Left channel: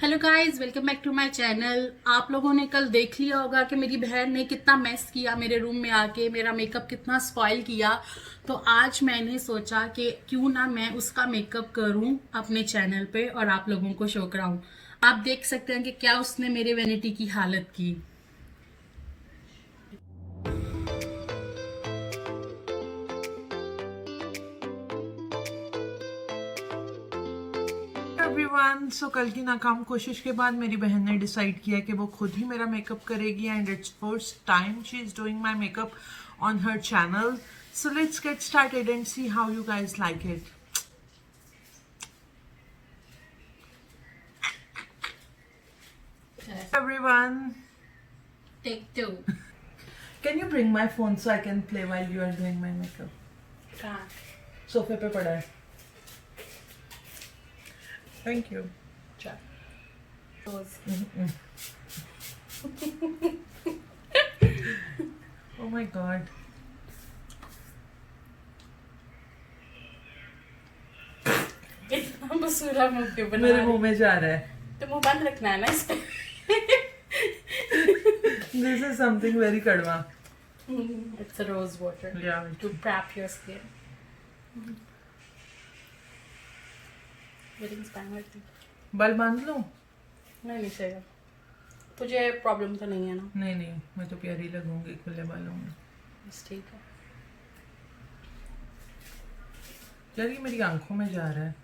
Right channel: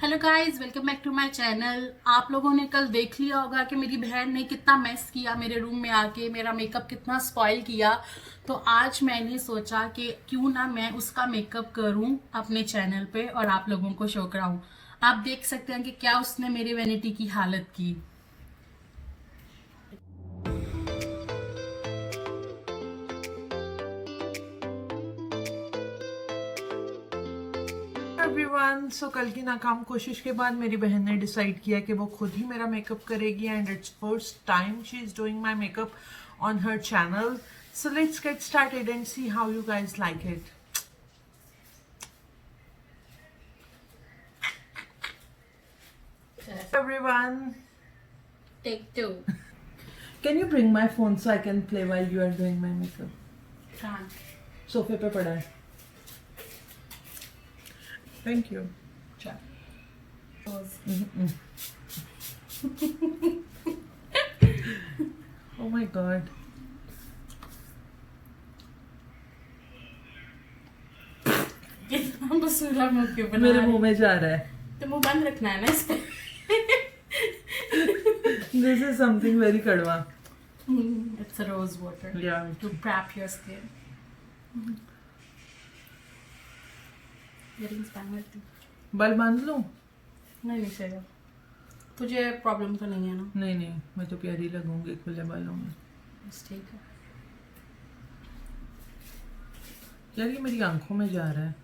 Hello guys, welcome back to my channel. आप लोगों ने कल देख लिया होगा कि मेरी बहन ने कितना मेस किया मेरे रूम में आके, मेरा मेकअप कितना स्पॉइल किया। तो आज मैंने सोचा कि क्यों ना मैं उसका मेकअप करूं अपने चैनल पे और आप लोगों को शो कराऊं। आप देख सकते हैं कि क्या उसने मेरे वैनिटी की हालत की। एवरीवन, सो कल की नाकाम कोशिश के बाद मेरी बहन ने डिसाइड किया कि वो खुद ही मेरा मेकअप करेगी and it's first time she is doing my makeup on her channel. So let's get started and see how you guys like it. Everyone, take 2। can you bring my phone so I can play while you are doing my makeup? हाँ, सोफे पे पड़ा है. Thank you. Oh my god. इतना मसूरा मुंह क्यों बना मेरे रही? मुंह में जा रहा है. तो मुंह बंद रखना है ना इसे। This is something very kadwa. It's a rose water Yeah. to prep your skin. Earrings पहन लेती। बाल बांध लूं? नहीं चाहिए। तुझे प्रॉब्लम तो नहीं है ना? नहीं नहीं, मैं तो प्यारी लगूंगी खुले बालों में. बस ठीक है। यार ये मेरी आंखों में जा रहा है.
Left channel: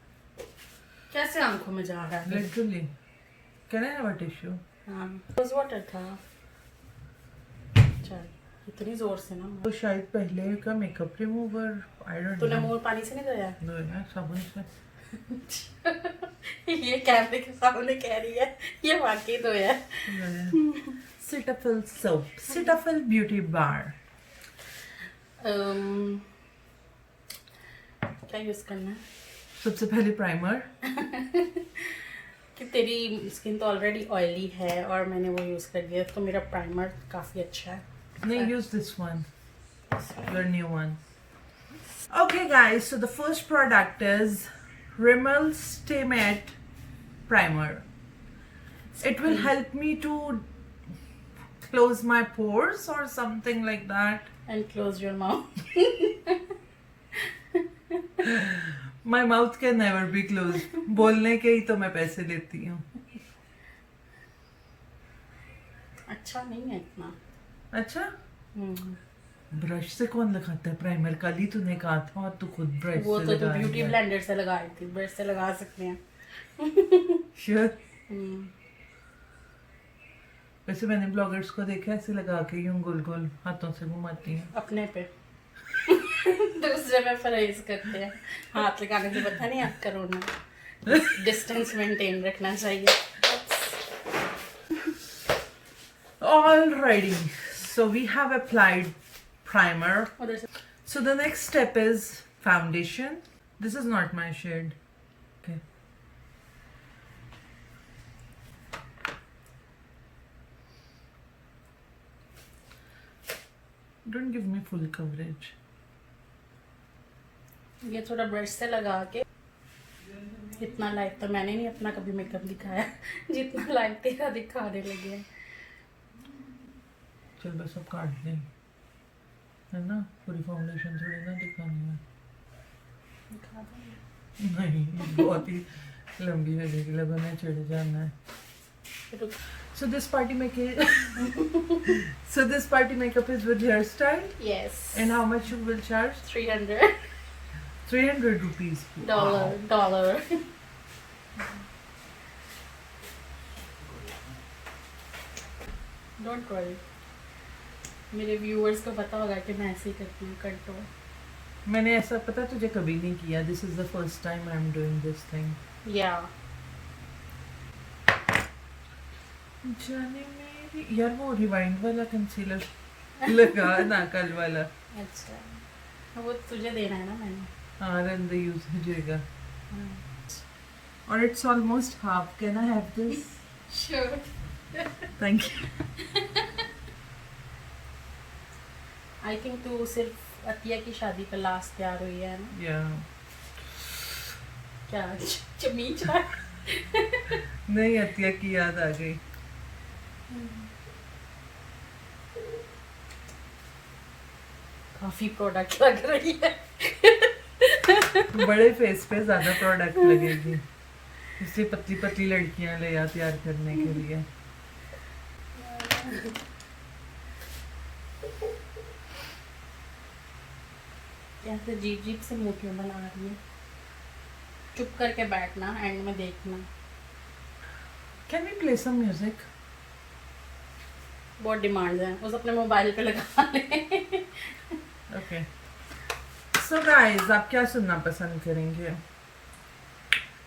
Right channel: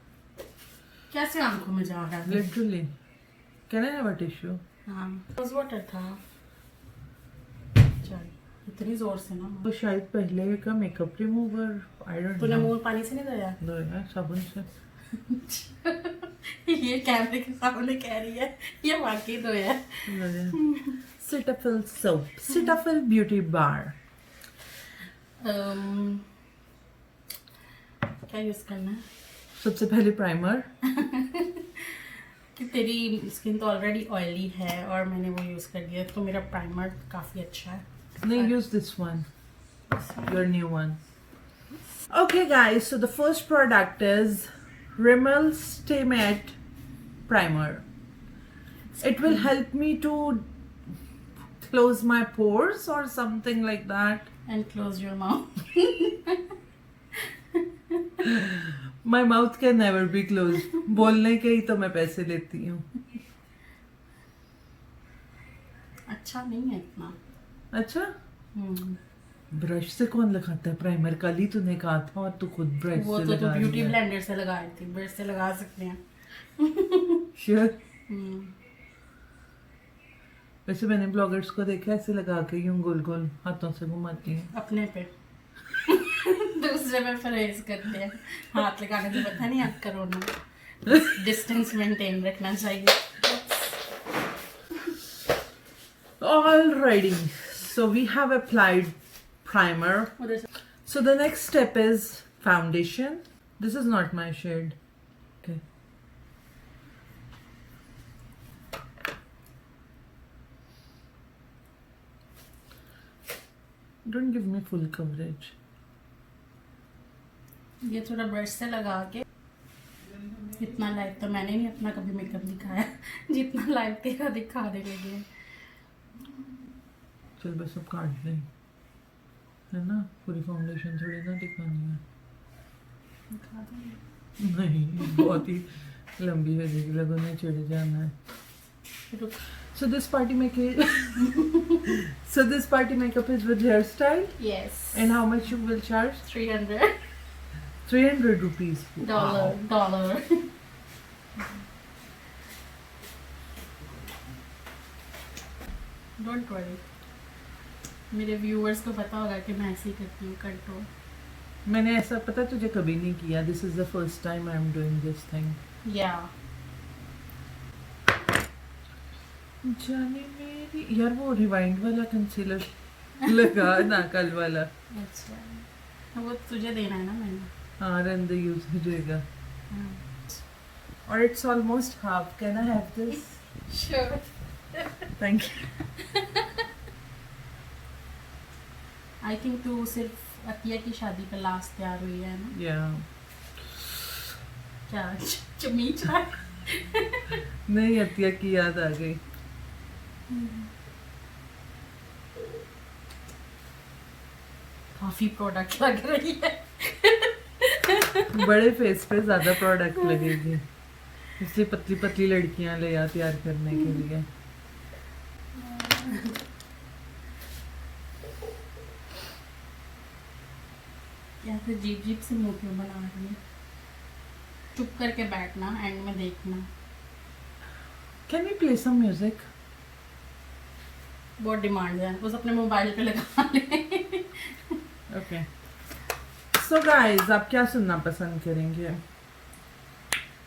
कैसे आंखों में जा रहा है? Literally. Can I have a tissue? हाँ, रोज वाटर था। चल, इतनी जोर से ना। तो शायद पहले का मेकअप रिमूवर, आई डोंट तूने नो. मुंह पानी से नहीं धोया? दो यार साबुन से. ये कैमरे के सामने कह रही है, ये वाकई धोया। Cetaphil soap, Cetaphil beauty bar. क्या यूज करना है? सबसे पहले प्राइमर. कि तेरी स्किन तो ऑलरेडी ऑयली है और मैंने वो यूज कर लिया, तो मेरा प्राइमर काफी अच्छा है। नहीं, use this one, your new one. Okay guys, so the first product is Rimmel Stay Matte Primer. It will help me to close my pores or something like that. And close your mouth. My mouth can never be closed. बोलने के ही तो मैं पैसे लेती हूँ. अच्छा नहीं है इतना। अच्छा. ब्रश से कौन लगाता है प्राइमर? कल ही तूने कहा था और तू खुद ब्रश वो से तो लगा ब्यूटी रही है. ब्लेंडर से लगाई थी, ब्रश से लगा सकते हैं। Sure. वैसे मैंने ब्लॉगर्स को देखा ऐसे लगा के यूं गोल गोल हाथों से घुमाती हैं. अपने पे। दूसरे में परहेज करते हैं, हाथ लगाने से पता नहीं आप करो ना। डिस्टेंस मेंटेन रखना चाहिए। Alrighty, so we have applied primer. उधर से So the next step is foundation. This is not my shade. Okay. Don't give me full coverage. ये थोड़ा ब्रश से लगा के, इतना लाइट तो मैंने नहीं अपना कभी मेकअप दिखाया जितना लाइट तेरा दिखाने लगी है। चल बस अब काट दें, है ना? पूरी फाउंडेशन थोड़ी ना दिखानी है. दिखा दूँ? नहीं, बहुत ही लंबी है, लेकिन लोगों ने चिढ़ जाना है. रुक। So this party makeup. So this party makeup is with hairstyle. Yes. And how much you will charge? 300 300 rupees. dollar. Don't worry. मेरे व्यूअर्स को पता होगा कि मैं ऐसे ही करती हूँ कंट्रोल। मैंने ऐसा पता तुझे कभी नहीं किया. This is the first time I am doing this thing. Yeah. जाने मेरी यार वो रिवाइंड वाला कंसीलर लगा ना कल वाला. अच्छा, वो तुझे देना है ना मैंने। हाँ, रंदे यूज हो जाएगा. और it's almost half. Can I have this? Sure. Thank you. I think तू सिर्फ अतिया की शादी पर लास्ट तैयार हुई है ना? Yeah. क्या चमीच है? नहीं अतिया की याद आ गई। काफी प्रोडक्ट लग रही है। बड़े फेस पे ज्यादा प्रोडक्ट लगेगी, इसलिए पतली पतली लड़कियां ले आ तैयार करने के लिए। या फिर जीप जीप से मूर्तियां बना रही है। चुप करके बैठना, एंड में देखना। Can we play some music? बहुत डिमांड है, बस अपने मोबाइल पे लगा ले। ओके सो गाइस, आप क्या सुनना पसंद करेंगे?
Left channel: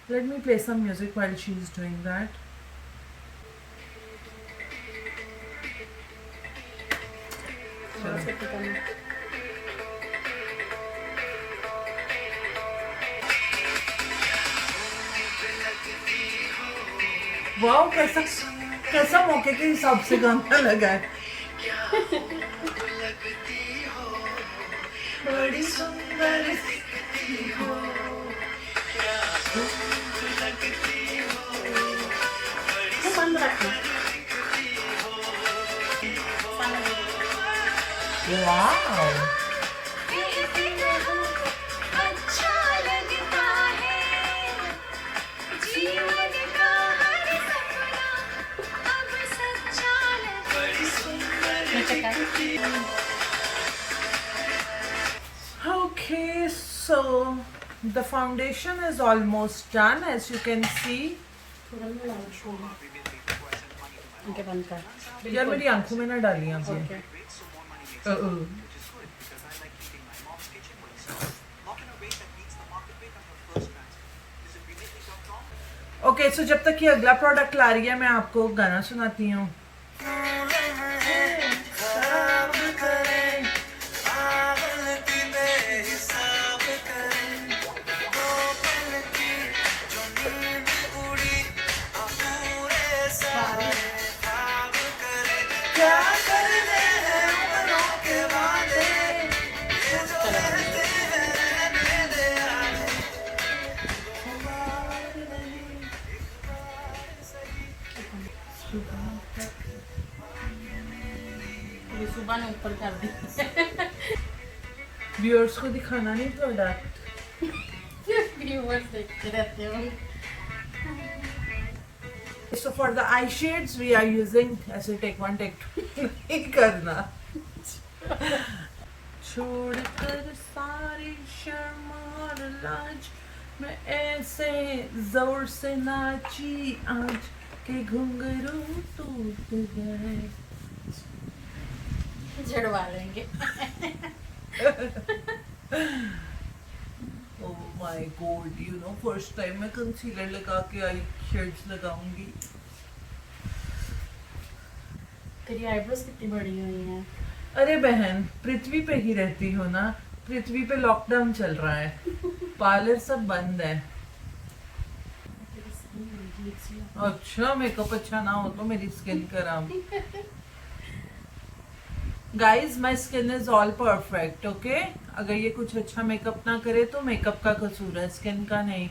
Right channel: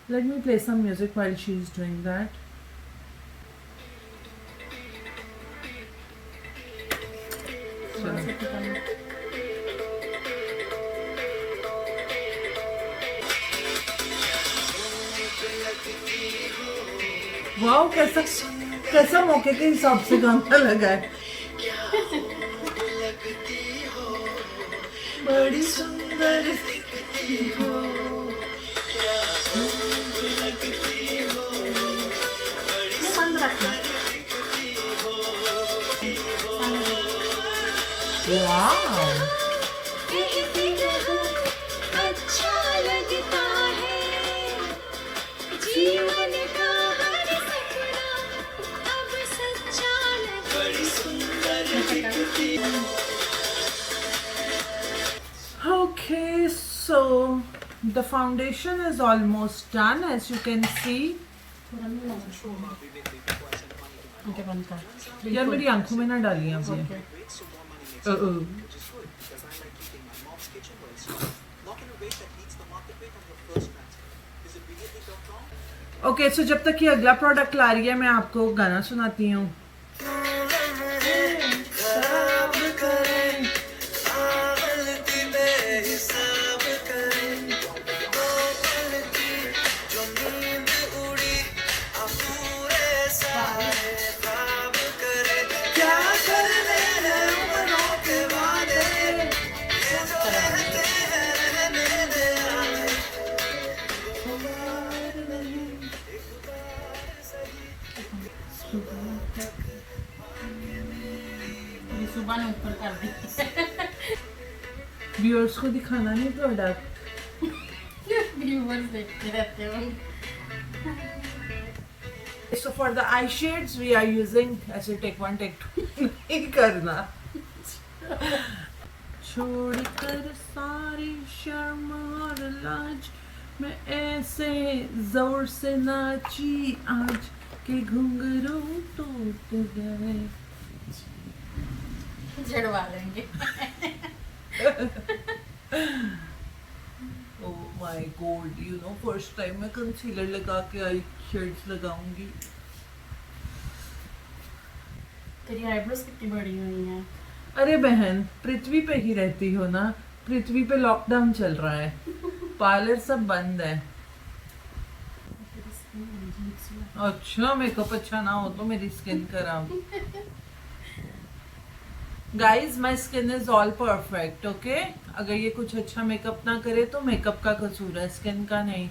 Let me play some music while she is doing that. Wow, कैसा कैसा मौके के हिसाब से गाना लगा है। बड़ी सुंदर दिखती हो, वाओ अच्छा लगता है जीवन का हर सपना अब सच्चा लगता है। Okay, so the foundation is almost done, as you can see. उनके बंद कर। यार मेरी आंखों में ना डालिए आप ये। ओके। ओके सो जब तक ये अगला प्रोडक्ट ला रही है, मैं आपको गाना सुनाती हूँ। क्या करने हैं उम्रों के वादे, ये सुबह ने ऊपर कर दी। व्यूअर्स को दिखाना नहीं प्रोडक्ट। व्यूअर्स देखते रहते हैं। So for the eye shades we are using, ऐसे take one take two नहीं करना। छोड़कर सारी शर्म और लाज, मैं ऐसे जोर से नाची आज के घुंघरू टूट गए। झड़वा लेंगे। Oh my god, you know first time मैं कंसीलर लगा के आई शेड्स लगाऊंगी। तेरी आईब्रोज कितनी बड़ी हुई है। अरे बहन, पृथ्वी पे ही रहती हो ना, पृथ्वी पे लॉकडाउन चल रहा है, पार्लर सब बंद है। अच्छा मेकअप अच्छा ना हो तो मेरी स्किन खराब। Guys my skin is all perfect, okay. अगर ये कुछ अच्छा मेकअप ना करे तो मेकअप का कसूर है, स्किन का नहीं।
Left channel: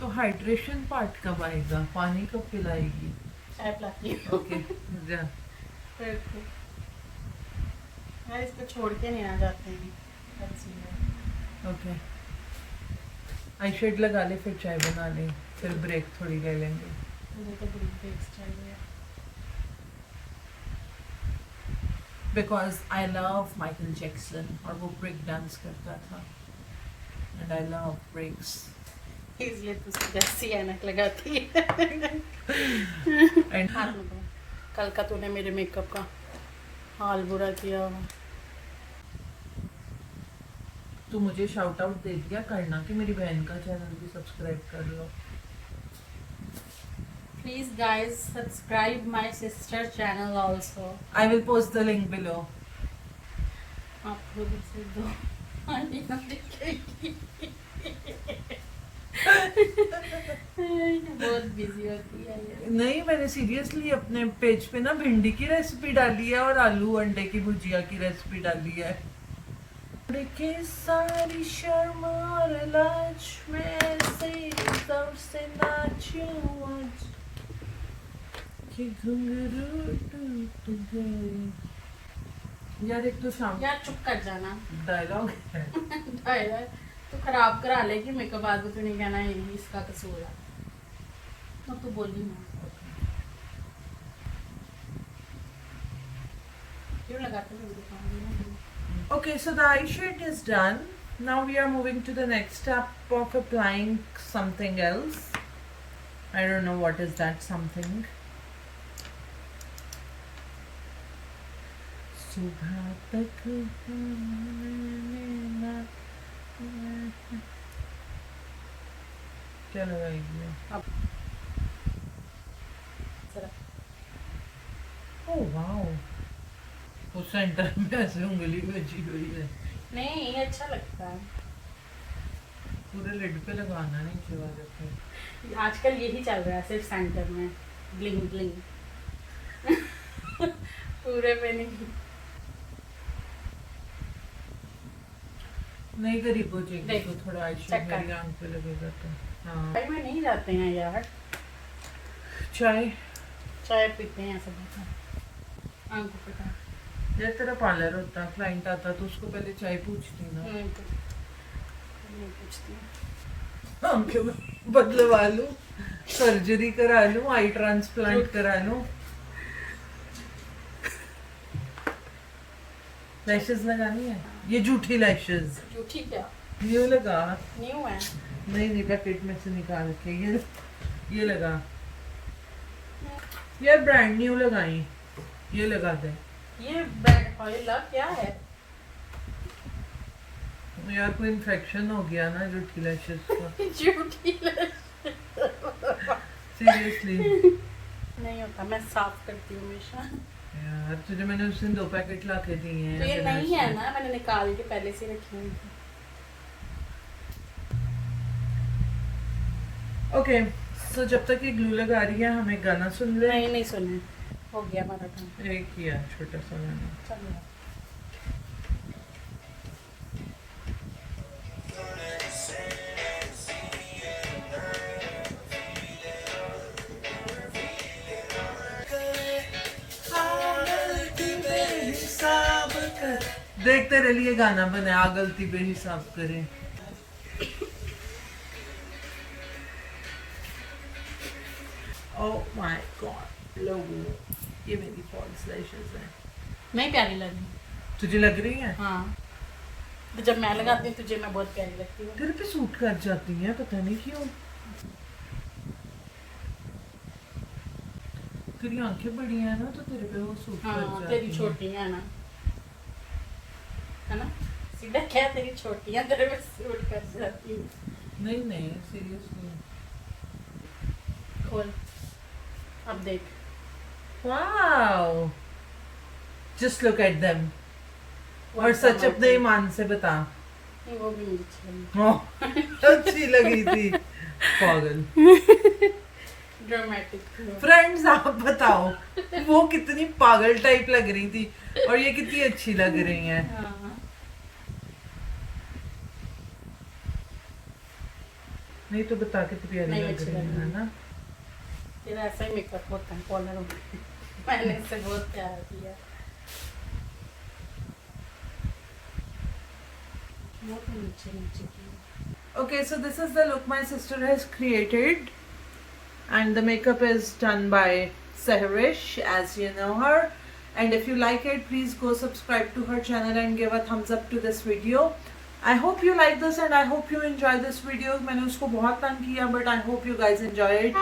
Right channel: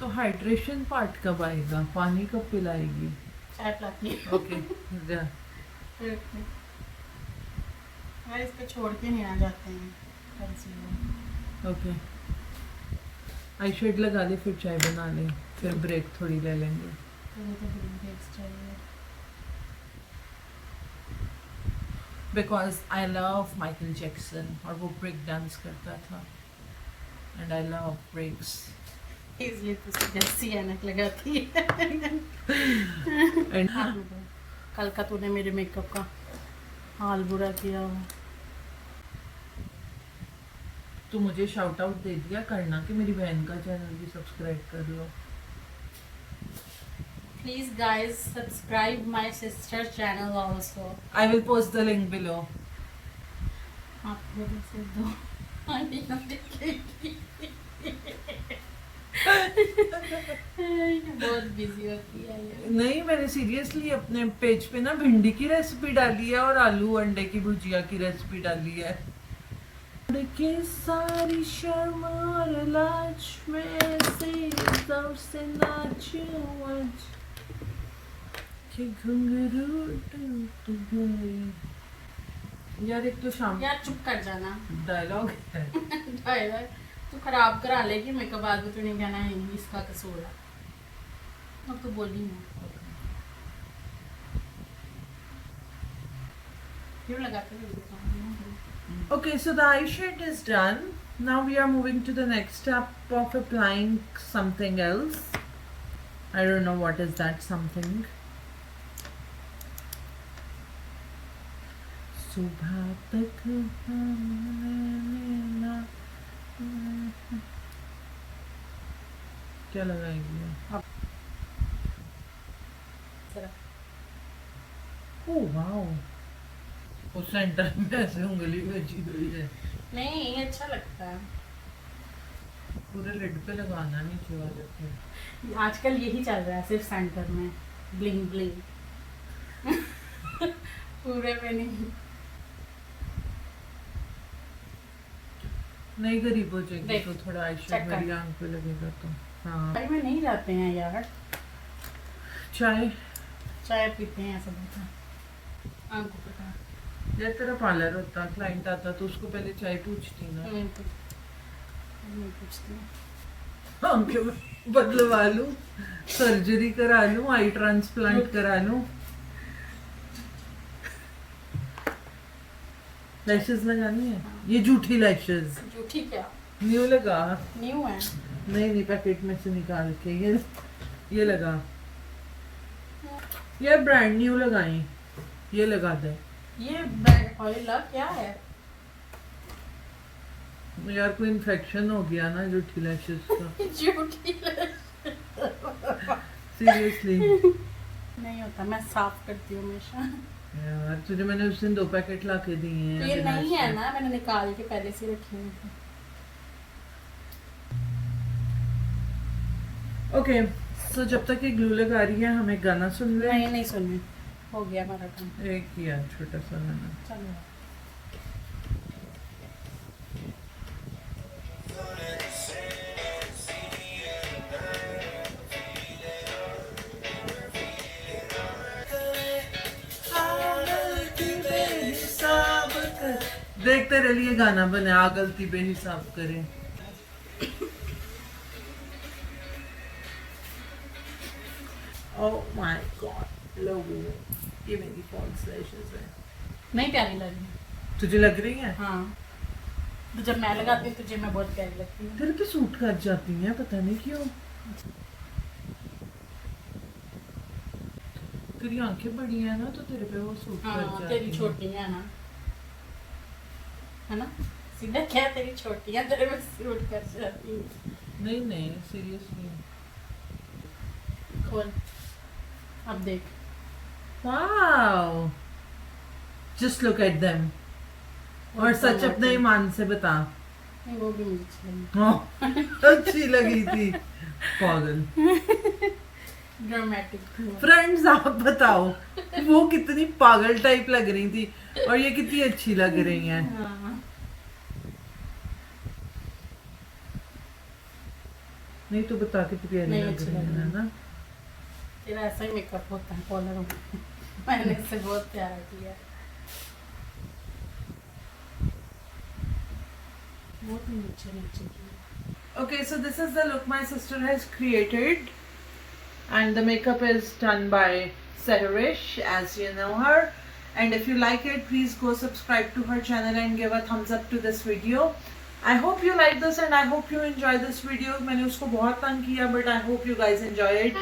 तो हाइड्रेशन पार्ट कब आएगा? पानी कब पिलाएगी? चाय पिलाती है। ओके यार इसको छोड़ के नहीं आ जाते हैं कंसीलर। ओके आई शेड लगा ले, फिर चाय बना ले, फिर ब्रेक थोड़ी ले लेंगे। मुझे तो ब्रेक्स चाहिए। Because I love Michael Jackson और वो ब्रेक डांस करता था, एंड आई लव ब्रेक्स। इसलिए तो जैसी ऐनक लगाती है। एंड कल का तूने मेरे मेकअप का हाल बुरा किया। तो मुझे शाउट आउट दे दिया करना कि मेरी बहन का चैनल भी सब्सक्राइब कर लो। Please guys subscribe my sister channel also. I will post the link below. आप खुद से दो आंटी ना देखेगी। बहुत बिजी होती है ये। नहीं, मैंने सीरियसली अपने पेज पे ना भिंडी की रेसिपी डाली है और आलू अंडे की भुजिया की रेसिपी डाली है। की सारी शर्म और लाज में से सबसे नाचूं आज कि घुंघरू टूट गए। यार एक तो शाम यार चुप कर जाना। डायलॉग है। डायलॉग तो खराब करा लेगी मेकअप, बाद में तो नहीं कहना है इसका कसूर है। अब तो बोली ना क्यों लगाते हो दुकान। Okay, so the eye shade is done. Now we are moving to the next step of applying something else. I don't know what is that something. सुबह तक क्या लगाएंगे? Oh wow. उस सेंटर में ऐसे उंगली बची हुई है। नहीं ये अच्छा लगता है। पूरे लिड पे लगाना नहीं चाहिए। आजकल यही चल रहा है सिर्फ सेंटर में ब्लिंग ब्लिंग। पूरे पे नहीं। नहीं करीब हो जाएगी देख, तो थोड़ा आई check शेड कर। मेरी आंख पे लगेगा तो। हाँ चाय में नहीं जाते हैं यार, चाय चाय पीते हैं ऐसा बता आंखों पे का। यार तेरा पार्लर होता, क्लाइंट आता तो उसको पहले चाय पूछती ना। नहीं तो नहीं पूछती हूँ। आंखें बदलवा लूं, सर्जरी करा लूं, आई ट्रांसप्लांट करा लूं, लैशेस लगानी है। ये झूठी लैशेस झूठी क्या न्यू लगा। न्यू है। नहीं पैकेट में से निकाल के ये लगा। यार ब्रांड न्यू लगाई, ये लगा दे। ये बैग ऑयल क्या है? यार कोई इन्फेक्शन हो गया ना झूठी लैशेस का। झूठी सीरियसली नहीं होता, मैं साफ करती हूँ हमेशा। यार तुझे मैंने उस दिन 2 पैकेट ला के दिए हैं। तो ये नहीं है ना, मैंने निकाल के पहले से रखी हुई थी। ओके सो जब तक ये ग्लू लगा रही है हमें गाना सुन ले। नहीं सुने, हो गया हमारा काम। एक किया छोटा सा गाना। चलो देख तेरे लिए गाना बने, आ गलती बेहिसाब करे। ओह माय गॉड लोगो, ये मेरी फॉल्स लैशेस है। नहीं प्यारी लगी तुझे लग रही है? हाँ, तो जब मैं लगाती हूँ तुझे मैं बहुत प्यारी लगती हूँ। तेरे पे सूट कर जाती हैं, पता नहीं क्यों। तेरी आंखें बड़ी हैं ना तो तेरे पे वो सूट कर हाँ जाती तेरी हैं। छोटी है ना सीधा क्या, तेरी छोटी है तेरे में सूट कर जाती हूँ। नहीं सीरियसली। खोल अब देख। Wow just look at them. और सच अपने ईमान से बता। नहीं, वो भी मुझे अच्छी लगी। हाँ, अच्छी लगी थी। पागल। ड्रामेटिक। फ्रेंड्स आप बताओ वो कितनी पागल टाइप लग रही थी और ये कितनी अच्छी लग रही हैं। हाँ। नहीं तो बता कितनी प्यारी नहीं, लग अच्छी रही लग है रही ना। तेरा ऐसा ही मेकअप होता है कॉलर में। मैंने इससे बहुत प्यार किया। बहुत नीचे नीचे किया। Okay, so this is the look my sister has created, and the makeup is done by SayRish, as you know her. And if you like it, please go subscribe to her channel and give a thumbs up to this video. I hope you like this and I hope you enjoy this video. मैंने उसको बहुत तंग किया, but I hope you guys enjoy it.